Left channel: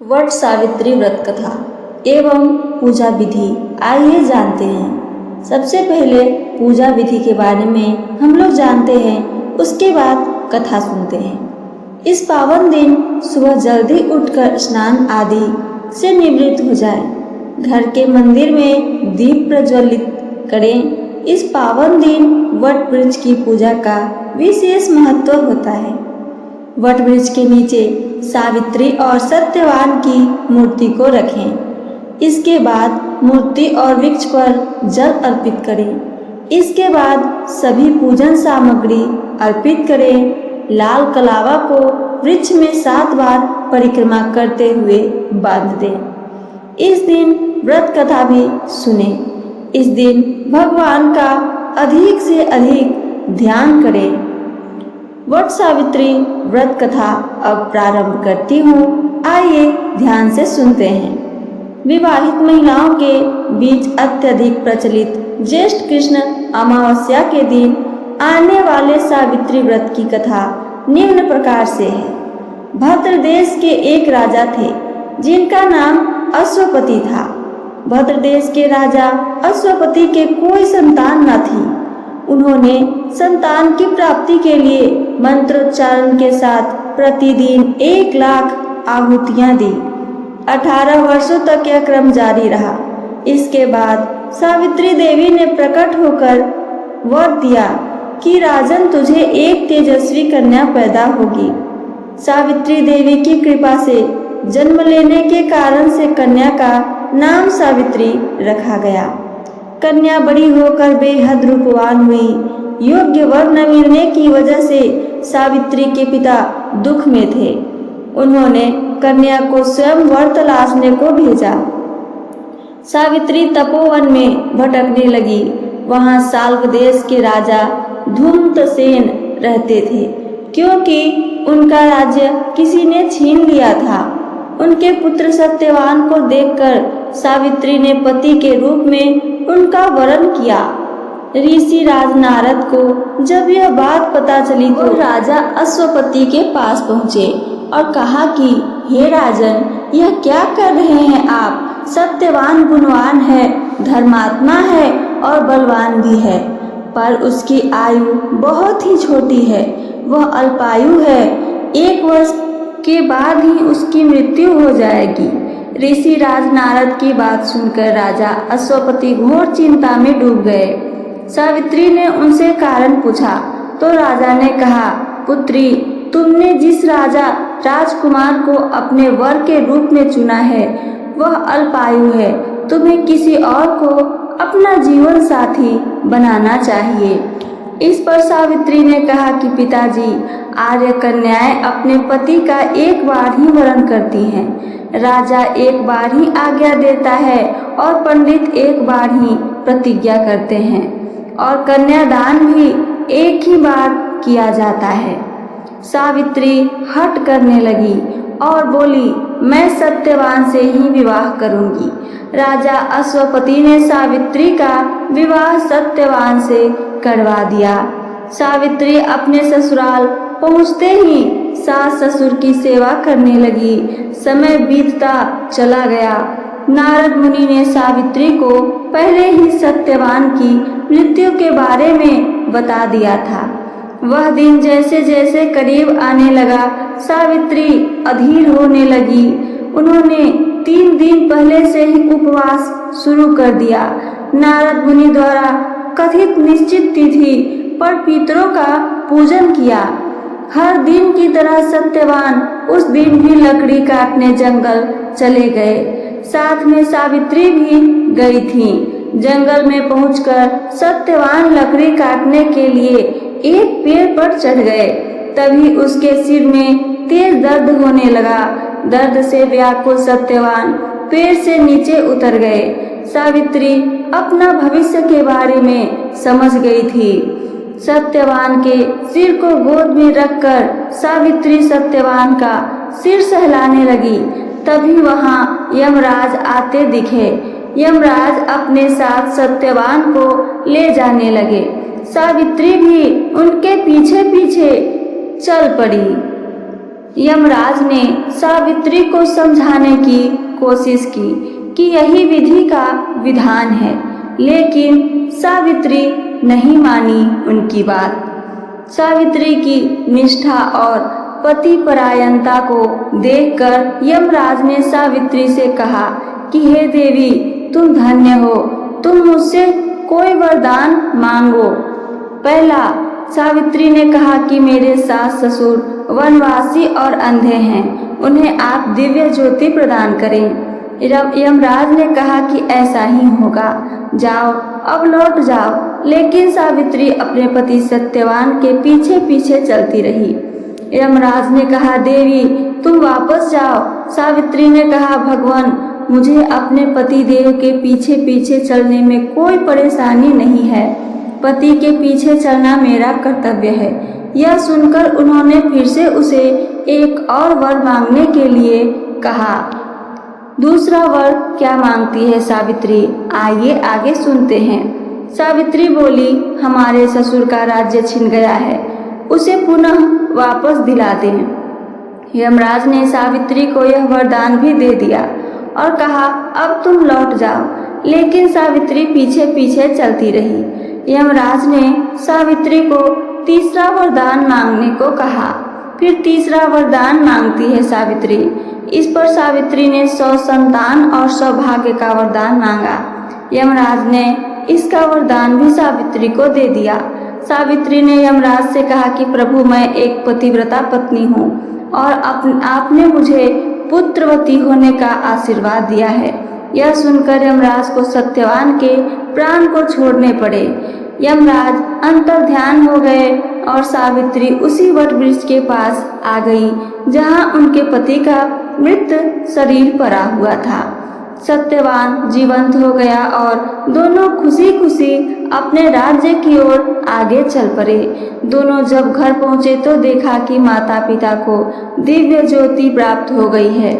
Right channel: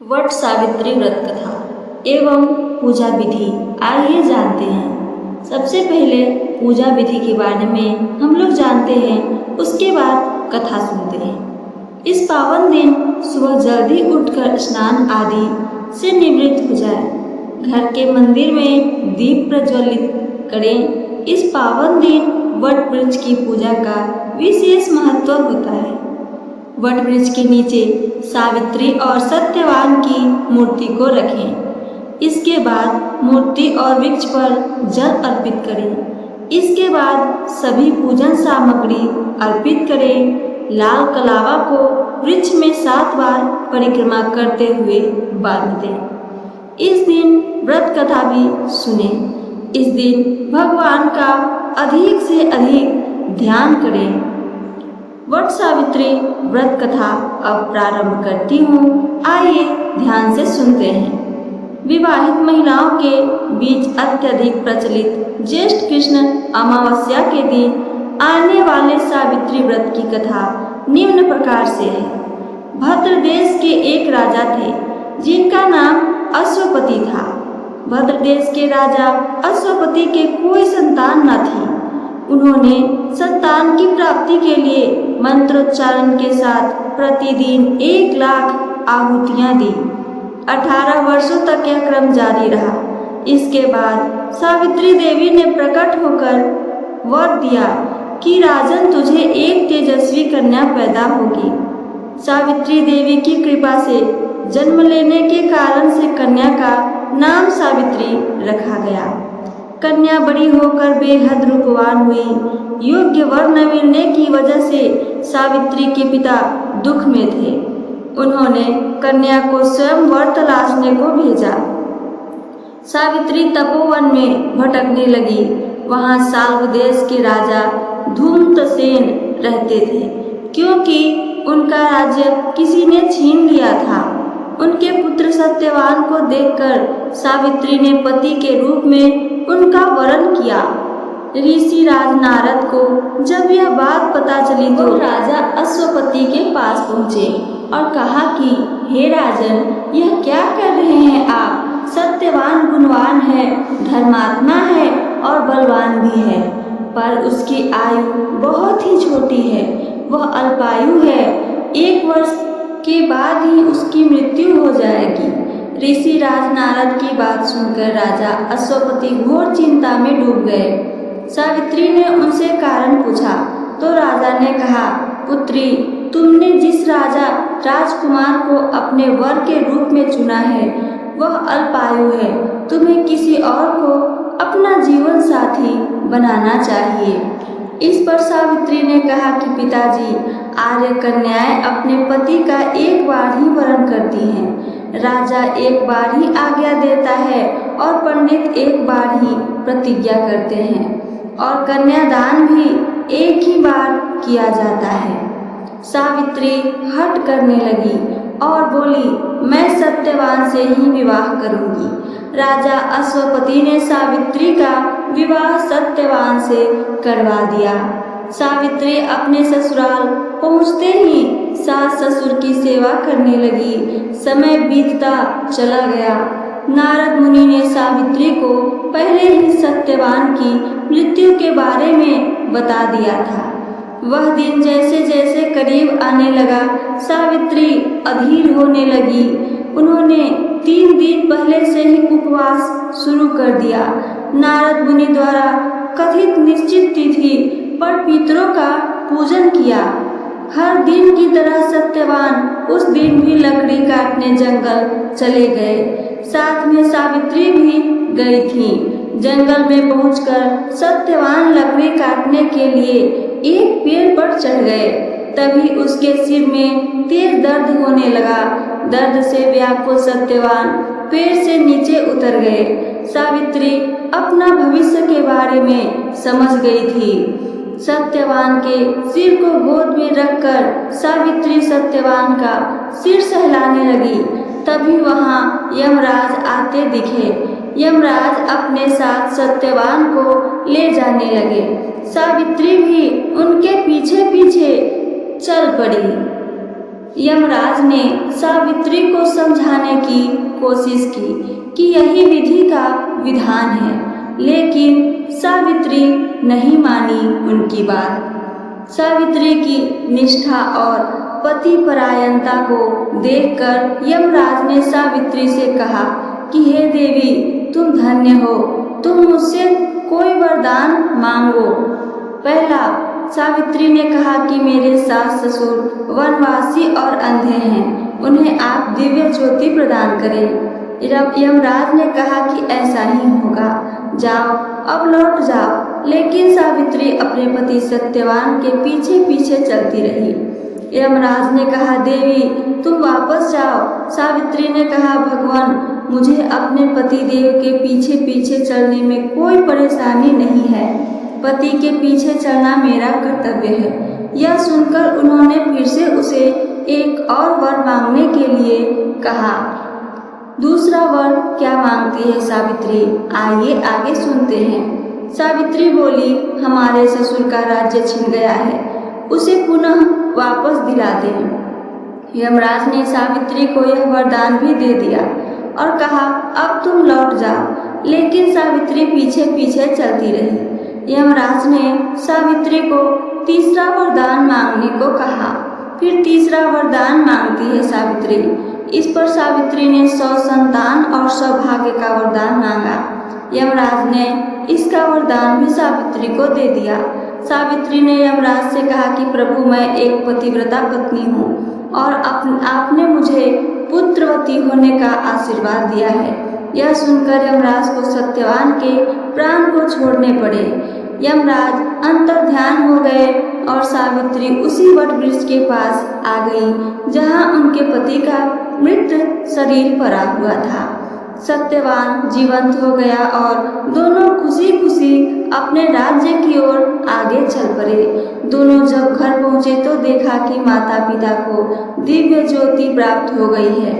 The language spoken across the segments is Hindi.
वट सावित्री व्रत कथा एवं पूजा विधि आइए जानते हैं। सबसे पहले पूजा विधि के बारे में हम लोग जानते हैं, उसके बाद कथा सुनते हैं। इस पावन दिन सुबह जल्दी उठकर स्नान आदि से निवृत्त हो जाएं। घर के मंदिर में दीप प्रज्वलित करें। इस पावन दिन वट वृक्ष की पूजा का विशेष महत्व होता है। वट वृक्ष के नीचे सावित्री और सत्यवान की मूर्ति को रखें। इसके बाद मूर्ति और वृक्ष पर जल अर्पित करें। इसके बाद सभी पूजन सामग्री अर्पित करें। लाल कलावा को वृक्ष में 7 बार परिक्रमा करते हुए बांध दें। इस दिन व्रत कथा भी सुने। इस दिन भगवान का अधिक से अधिक ध्यान करें। वट सावित्री व्रत कथा अब प्रारंभ करती हूँ। आइए ध्यान से सुनते हैं। विवाहित महिलाओं के बीच अत्यधिक प्रचलित ज्येष्ठ कृष्ण अमावस्या के दिन आने वाले सावित्री व्रत की कथा निम्न प्रकार से है। भद्र देश के एक राजा थे जिनका नाम अश्वपति था। भद्र देश के राजा अश्वपति के कोई संतान न थी। उन्होंने संतान की प्राप्ति के लिए मंत्रोच्चारण के साथ प्रतिदिन 1 लाख आहुतियां दी। 18 वर्षों तक यह क्रम जारी रहा। इसके बाद सावित्री देवी ने प्रकट होकर वर दिया कि राजन, तुझे एक तेजस्वी कन्या पैदा होगी। सावित्री देवी की कृपा से जन्म लेने के कारण से कन्या का नाम सावित्री रखा गया। कन्या बड़ी होकर बेहद रूपवान हुई। योग्य वर न मिलने की वजह से सावित्री के पिता दुख में थे। उन्होंने कन्या को स्वयं वर तलाशने को भेजा। सावित्री तपोवन में भटकने लगी। वहां साल्व देश के राजा धूम्रसेन रहते थे, क्योंकि उनका राज्य किसी ने छीन लिया था। उनके पुत्र सत्यवान को देखकर सावित्री ने पति के रूप में उनका वरण किया। ऋषि राज नारद को जब यह बात पता चली तो राजा अश्वपति के पास पहुँचे और कहा कि हे राजन, यह क्या कर रहे हैं आप? सत्यवान गुणवान है, धर्मात्मा है और बलवान भी है, पर उसकी आयु बहुत ही छोटी है। वह अल्पायु है। 1 वर्ष के बाद ही उसकी मृत्यु हो जाएगी। ऋषि राज नारद की बात सुनकर राजा अश्वपति घोर चिंता में डूब गए। सावित्री ने उनसे कारण पूछा तो राजा ने कहा, पुत्री, तुमने जिस राजा राजकुमार को अपने वर के रूप में चुना है वह अल्पायु है। तुम्हें किसी और को अपना जीवन साथी बनाना चाहिए। इस पर सावित्री ने कहा कि पिताजी, आर्य कन्याएं अपने पति का 1 बार ही वरण करती हैं। राजा 1 बार ही आज्ञा देता है और पंडित 1 बार ही प्रतिज्ञा करते हैं और कन्यादान भी 1 ही बार किया जाता है। सावित्री हठ करने लगी और बोली, मैं सत्यवान से ही विवाह करूंगी। राजा अश्वपति ने सावित्री का विवाह सत्यवान से करवा दिया। सावित्री अपने ससुराल पहुँचते ही सास ससुर की सेवा करने लगी। समय बीतता चला गया। नारद मुनि ने सावित्री को पहले ही सत्यवान की मृत्यु के बारे में बता दिया था। वह दिन जैसे जैसे करीब आने लगा, सावित्री अधीर होने लगी। उन्होंने 3 दिन पहले से ही उपवास शुरू कर दिया। नारद मुनि द्वारा कथित निश्चित तिथि पर पितरों का पूजन किया। हर दिन की तरह सत्यवान उस दिन भी लकड़ी काटने जंगल चले गए। साथ में सावित्री भी गई थी। जंगल में पहुंचकर सत्यवान लकड़ी काटने के लिए एक पेड़ पर चढ़ गए। तभी उसके सिर में तेज दर्द होने लगा। दर्द से व्याकुल सत्यवान पेड़ से नीचे उतर गए। सावित्री अपना भविष्य के बारे में समझ गई थी। सत्यवान के सिर को गोद में रखकर सावित्री सत्यवान का सिर सहलाने लगी। तभी वहां यमराज आते दिखे। यमराज अपने साथ सत्यवान को ले जाने लगे। सावित्री भी उनके पीछे पीछे चल पड़ी। यमराज ने सावित्री को समझाने की कोशिश की कि यही विधि का विधान है, लेकिन सावित्री नहीं मानी उनकी बात। सावित्री की निष्ठा और पति परायणता को देखकर यमराज ने सावित्री से कहा कि हे देवी, तुम धन्य हो, तुम मुझसे कोई वरदान मांगो। पहला, सावित्री ने कहा कि मेरे सास ससुर वनवासी और अंधे हैं, उन्हें आप दिव्य ज्योति प्रदान करें। यमराज ने कहा कि ऐसा ही होगा, जाओ अब लौट जाओ। लेकिन सावित्री अपने पति सत्यवान के पीछे पीछे चलती रही। यमराज ने कहा, देवी तुम वापस जाओ। सावित्री ने कहा, भगवान, मुझे अपने पति देव के पीछे पीछे चलने में कोई परेशानी नहीं है, पति के पीछे चलना मेरा कर्तव्य है। यह सुनकर उन्होंने फिर से उसे एक और वर मांगने के लिए कहा। दूसरा वर क्या मांगती है सावित्री, आइए आगे सुनते हैं। सावित्री बोली, हमारे ससुर का राज्य छिन गया है, उसे पुनः वापस दिला दें। यमराज ने सावित्री को यह वरदान भी दे दिया और कहा, अब तुम लौट जाओ। लेकिन सावित्री पीछे पीछे चलती रही। यमराज ने सावित्री को तीसरा वरदान मांगने को कहा। फिर तीसरा वरदान मांगती है सावित्री। इस पर सावित्री ने 100 संतान और सौभाग्य का वरदान मांगा। यमराज ने इसका वरदान भी सावित्री को दे दिया। सावित्री ने यमराज से कहा कि प्रभु, मैं एक पतिव्रता पत्नी हूँ और आपने मुझे पुत्रवती होने का आशीर्वाद दिया है। यह सुनकर यमराज को सत्यवान के प्राण को छोड़ने पड़े। यमराज अंतर्ध्यान हो गए और सावित्री उसी वट वृक्ष के पास आ गई जहाँ उनके पति का मृत शरीर पड़ा हुआ था। सत्यवान जीवंत हो गया और दोनों खुशी खुशी अपने राज्य की ओर आगे चल पड़े। दोनों जब घर पहुँचे तो देखा कि माता पिता को दिव्य ज्योति प्राप्त हो गई है।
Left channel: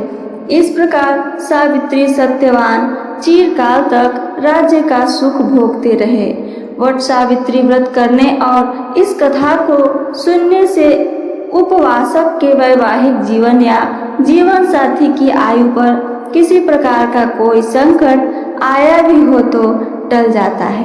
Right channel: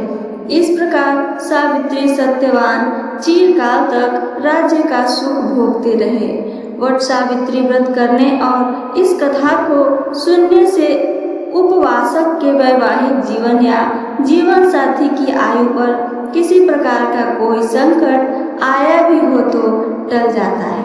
इस प्रकार सावित्री सत्यवान चिरकाल तक राज्य का सुख भोगते रहे। वट सावित्री व्रत करने और इस कथा को सुनने से उपवासक के वैवाहिक जीवन या जीवन साथी की आयु पर किसी प्रकार का कोई संकट आया भी हो तो टल जाता है।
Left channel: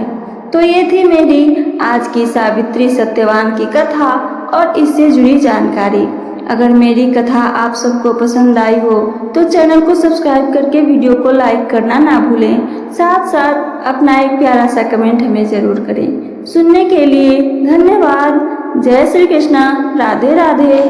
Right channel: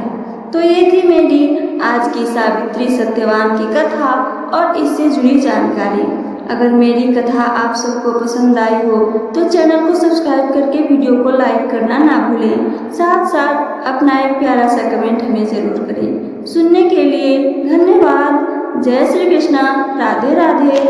तो ये थी मेरी आज की सावित्री सत्यवान की कथा और इससे जुड़ी जानकारी। अगर मेरी कथा आप सबको पसंद आई हो तो चैनल को सब्सक्राइब करके वीडियो को लाइक करना ना भूलें। साथ साथ अपना एक प्यारा सा कमेंट हमें ज़रूर करें। सुनने के लिए धन्यवाद। जय श्री कृष्णा। राधे राधे।